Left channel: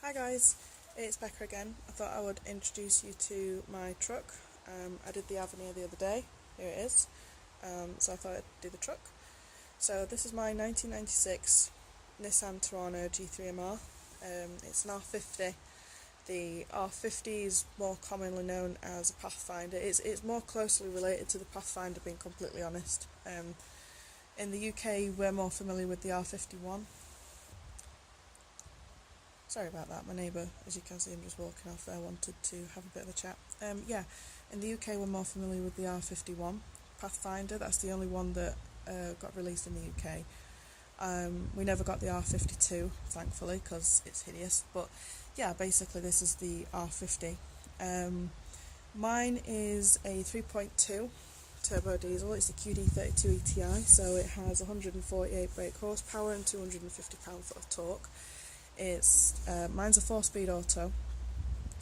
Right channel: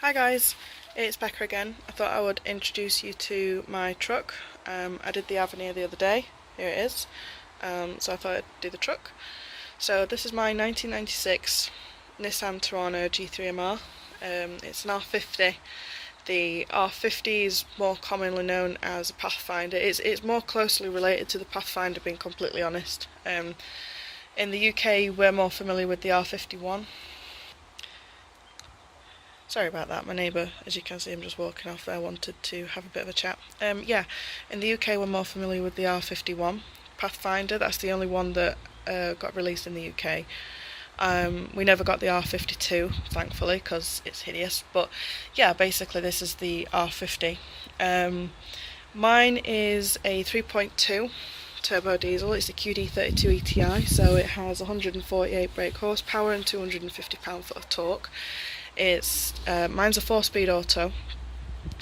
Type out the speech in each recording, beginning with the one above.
Hi guys, it's Becca again. I thought I would introduce you to my truck. I did the Avenir the other day. Here it is. So I thought I'd do the truck. So this is my 1996 Nissan Terrano G3MR. It's an R50. The R50 is more commonly known as a Pathfinder. It's more closely related to the Pathfinder, being completely honest. In the UK we're more familiar with the R51. Sorry about that, my neighbour, as you can see, I'm just walking off there, wanted to have a bit of a chat. Yeah, in the UK we're more familiar with the R51 Pathfinder. That's the only one that got released in the UK. We never got the R52, thankfully, because it's hideous. But yeah, basically this is the R50. Mine is a 3.2 turbo diesel. It's a QD32ETI, so it has 148 brake horsepower and 250 pound-foot of torque. Mine's a 4-speed auto.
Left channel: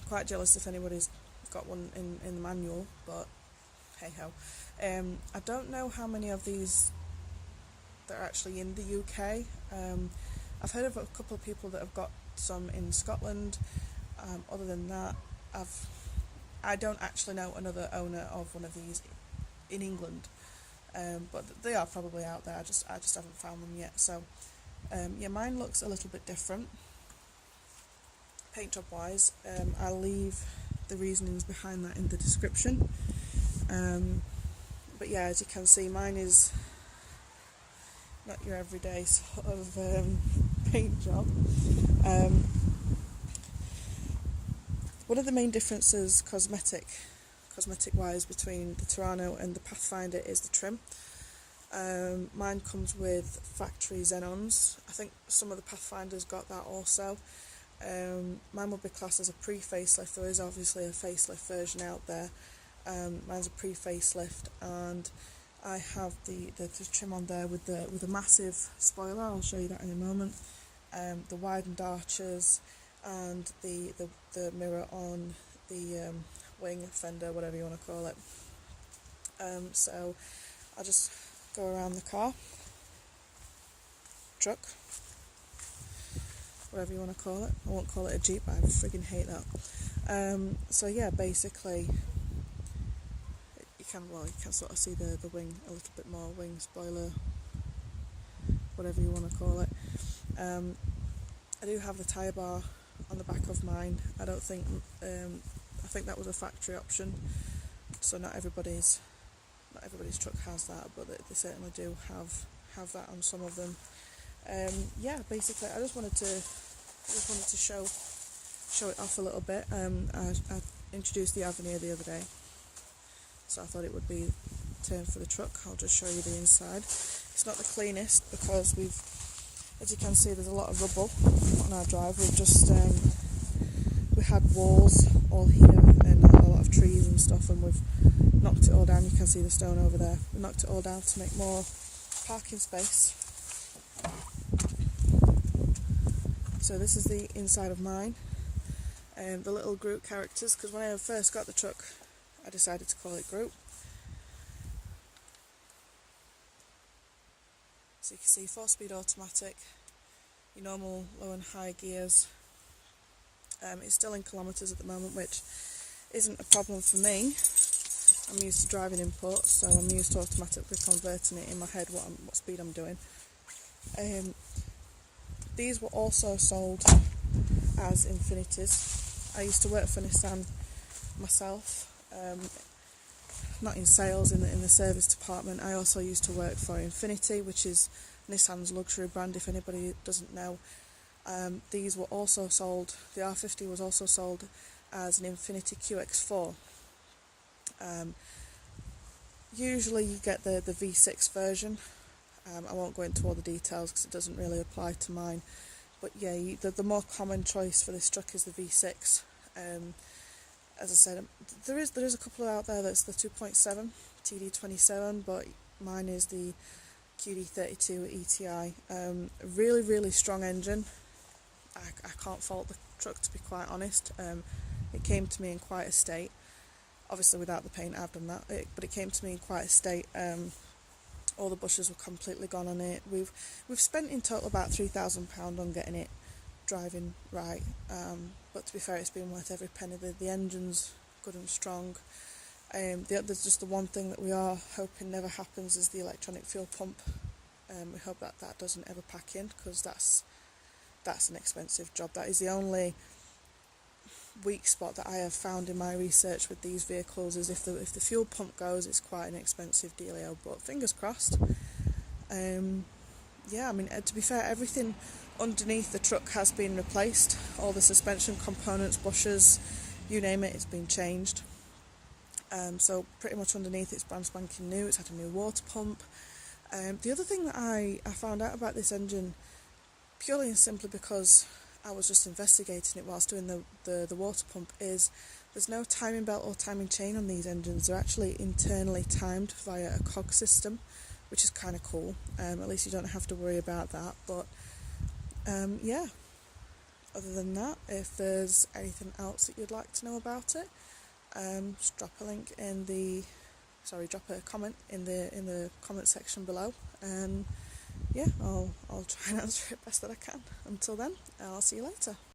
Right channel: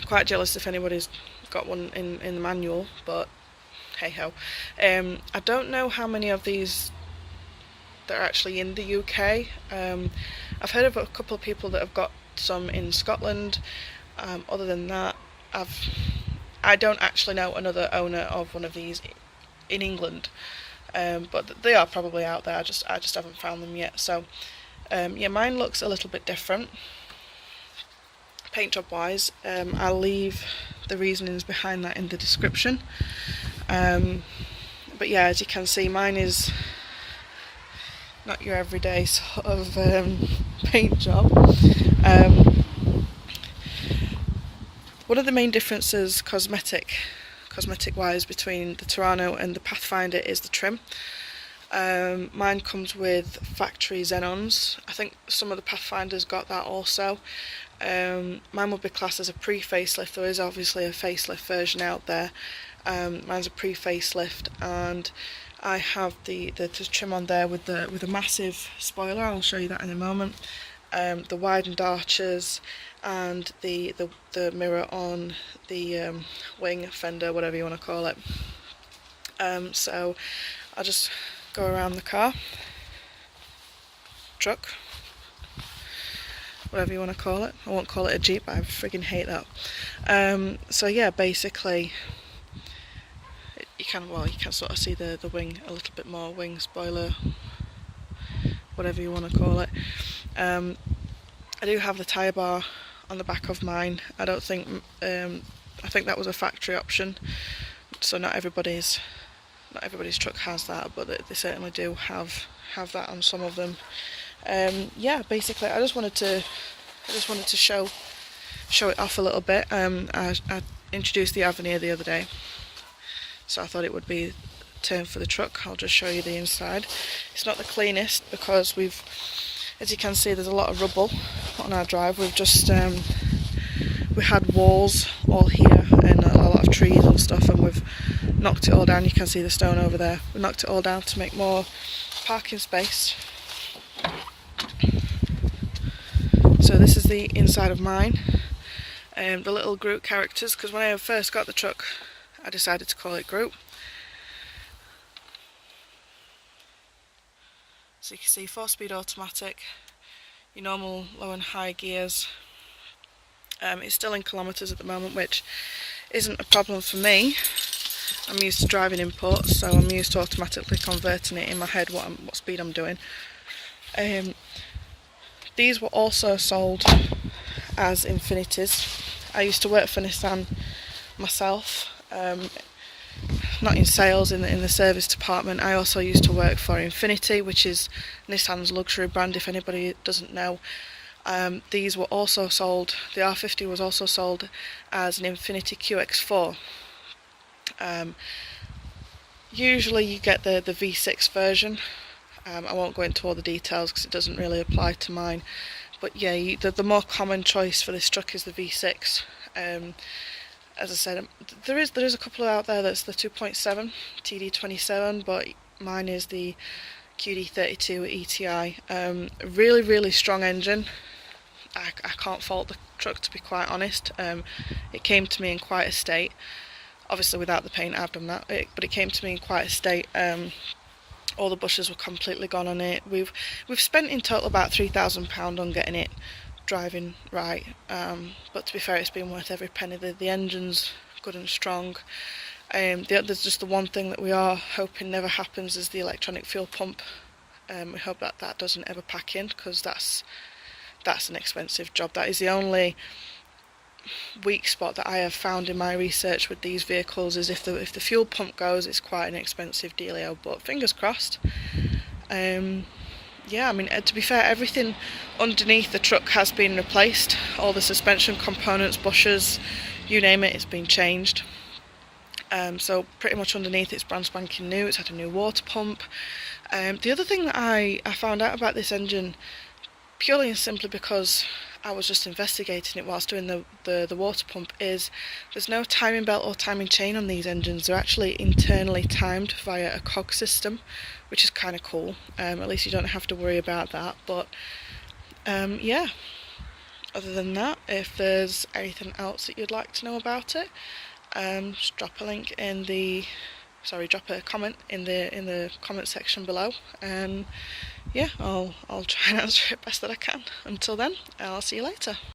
Quite jealous if anybody's got one in the manual, but hey ho. I don't know how many of these that are actually in the UK. I've heard of a couple of people that have got some in Scotland. Other than that, I don't actually know another owner of one of these in England. But they are probably out there. I just haven't found them yet. So yeah, mine looks a little bit different paint job wise. I'll leave the reasonings behind that in the description. But yeah, as you can see, mine is not your everyday sort of paint job. One of the main differences cosmetic wise between the Terrano and the Pathfinder is the trim. Mine comes with factory xenons. I think some of the Pathfinders got that also. Mine would be classed as a pre-facelift. There is obviously a facelift version out there. Mine's a pre-facelift, and I have the trim on there with a massive spoiler. I'll show you that in a moment. The widened arches and the mirror on the wing, fender, whatever you want to call it. So I'll just go around the truck, whatever you want to call it. I won't call it a Jeep, but I friggin' hate that. So yeah, basically you can sort of see the wing a little bit more, wing, spoiler, whatever you want to call it. I do have the tyre bar on the back of mine. I think that was a factory option, so not everybody's truck has that, but they certainly do have that on some of them. Yeah, basically I just wanted to show it off a little bit. I introduced the Avenir the other day, so I thought it would be turn for the truck. I'll just show you the inside. It's not the cleanest because as you can see, there's a lot of rubble on our drive. We had walls all here and a lot of trees and stuff, and we've knocked it all down. You can see the stone over there. We knocked it all down to make more parking space. So this is the inside of mine. The little Groot characters, because when I first got the truck I decided to call it Groot. So you can see 4-speed automatic, your normal low and high gears. It's still in kilometres at the moment, which isn't a problem for me. I'm used to driving imports, so I'm used to automatically converting it in my head what speed I'm doing. These were also sold as Infinities. I used to work for Nissan myself, not in sales, in the service department. I also used to work for Infiniti, which is Nissan's luxury brand, if anybody doesn't know. These were also sold, the R50 was also sold as an Infiniti QX4. Usually you get the V6 version. I won't go into all the details because it doesn't really apply to mine. But yeah, the more common choice for this truck is the V6. As I said, there is a couple out there that's the 2.7 TD27, but mine is the QD32ETI. Really strong engine. I can't fault the truck, to be quite honest. It came to me in quite a state. Obviously without the paint I've done that, but it came to me in quite a state. All the bushes were completely gone on it. We've spent in total about £3,000 on getting it driving right, but to be fair, it's been worth every penny. The engine's good and strong. There's just the one thing that we are hoping never happens is the electronic fuel pump. We hope that that doesn't ever pack in, because that's an expensive job. That is the only weak spot that I have found in my research with these vehicles, is if the fuel pump goes, it's quite an expensive dealio, but fingers crossed. Yeah, I mean, to be fair, everything underneath the truck has been replaced. All the suspension components, bushers, you name it, it's been changed. So pretty much underneath it's brand spanking new. It's had a new water pump. The other thing that I found out about this engine, purely and simply because I was just investigating it whilst doing the water pump, is there's no timing belt or timing chain on these engines. They're actually internally timed via a cog system, which is kind of cool. At least you don't have to worry about that. But yeah, other than that, if there's anything else that you'd like to know about it, just drop a link in the, drop a comment in the comment section below, and yeah, I'll try and answer it best that I can. Until then, I'll see you later.